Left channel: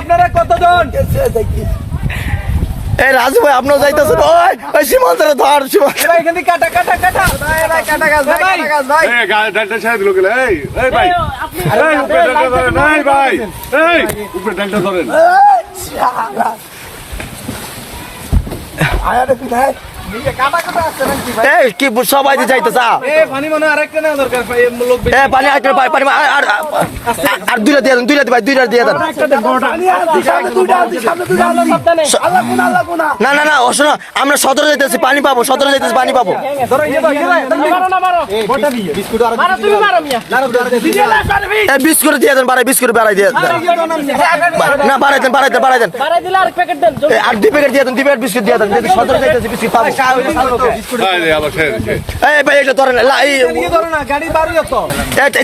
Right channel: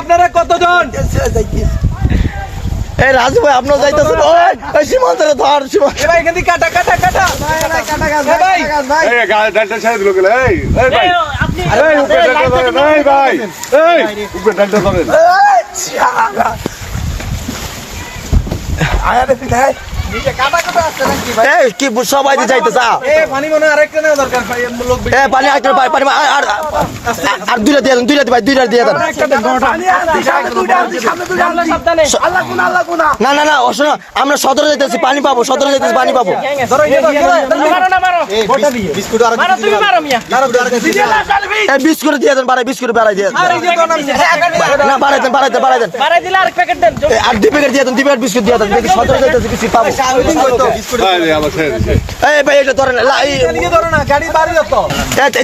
আপনারা কতজন? এই রাজু ভাই আপনার যাইতেছেন ওই সীমান্তরে ধর ভাই এখান থেকে কাটা কাটা কাটা ভাই এই ডালটা ছেড়ে দিল গেলে এই ভাই এই উপরে ডালটা ধরেন এই ভাই এই উপরে ডালটা ধরেন আয়া দেখি ভাই এই কি সবাই দিয়ে যাইতেছে পানি মনে আরেকটা না দরকার ভাই লোক পানি আর পানি আর দুইটা দিয়ে দেন দুইটা দিয়ে দেন না না না শোনো আমরা 17 যাইতেছি পানি পাবো 17 যাইতেছি পানি পাবো বিস্কুট দিয়ে দেন বাড়াই বিস্কুট বাড়াই দিয়ে না বাড়াই দেন আর 2 প্যাকেট দিয়ে দেন 2 প্যাকেট বিস্কুট দিয়ে দেন দেখি 17 যাইতেছি বিস্কুট পাবো এই ভাই এটা ধরেন গাড়ি বাড়ি তো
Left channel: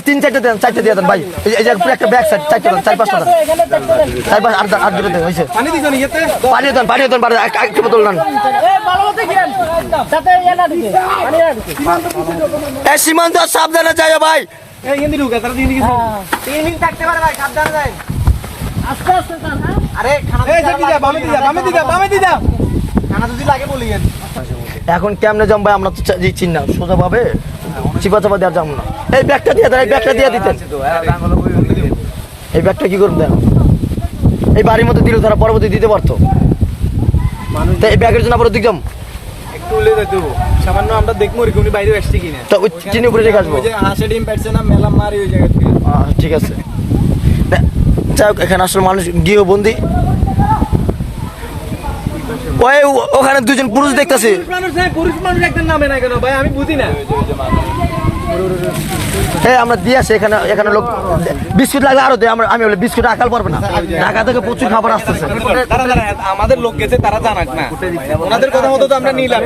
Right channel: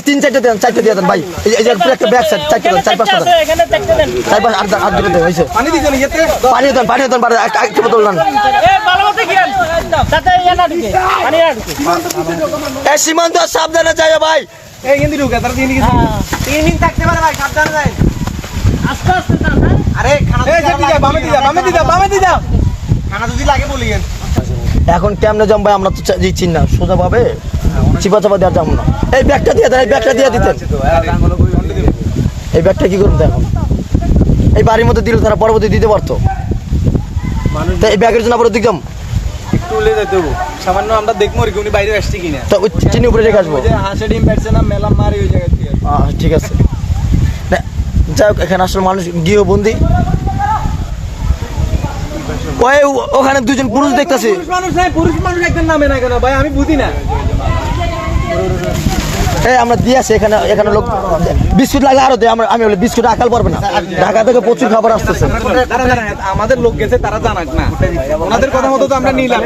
3-4টা দেন 4টা দিয়ে দেন ভাই এই যে একটা ব্যাক সাইড 4টা দেন 4-5টা দেন এখানে 4টা দেন 4-5 8 দেন হইছে পানি দিছেন ইয়েতে পানি দেন বাড়াই একটা বোতল দেন এই ভালো মতো গিয়েন তাতে এনা দিকে পানি আর এই সীমান্ত সাবধানে যাও ভাই এই হিন্দি ঢুকে তার হিন্দি 3 দিন থাকতে পারে ভাই সাবধানে যাই আস্তে আস্তে যান হ্যাঁ আরে খানা এই যে দিদা বামে দিদা খানা যদি লাগে বলিয়েন এখন কেমনে জম ভাই আমরা তো দিচ্ছি না সোজা ভাবে চিপা চাপা দেওয়ার যাবো না এই ব্যাগটা দিয়ে দেন এই ব্যাগটা দিয়ে দিতেন এই ব্যাগটা কি করবে দেখো এই বাড়ির মধ্যে দিলে তারা পরবর্তী দিতে পারতো এই ব্যাগের জন্য আবার দিক যাম একটু উলে যেতে হবে সামান্য আমরা দেখবো আর উনি বাইরে আসছে কিনা তা ওই চিনি উপরে রেখে আসবো হাঁসে ডিম পাচ্ছে না মেলা মারি ওই জায়গা থেকে ঠিক আছে যাই হোক এখানে আসলে মানুষ গৃহবন্দী ওই ওখানে দুজন পুরুষ দেখতেছি পুরুষ মানুষ একজন নামে না কেন ভাই আমি বুঝি না এই আমরা দিয়ে আসি এখানে লোক বিস্কুট লাগলে আরো দেয় আমি বলি বিস্কুট আকাল পারবে না ঢাকা থেকে প্রচুর খাবার আসতেছে আমাদের লোক গেছে তারা জানাক না ওনাদের কথা মতো তো আমরা নিলাম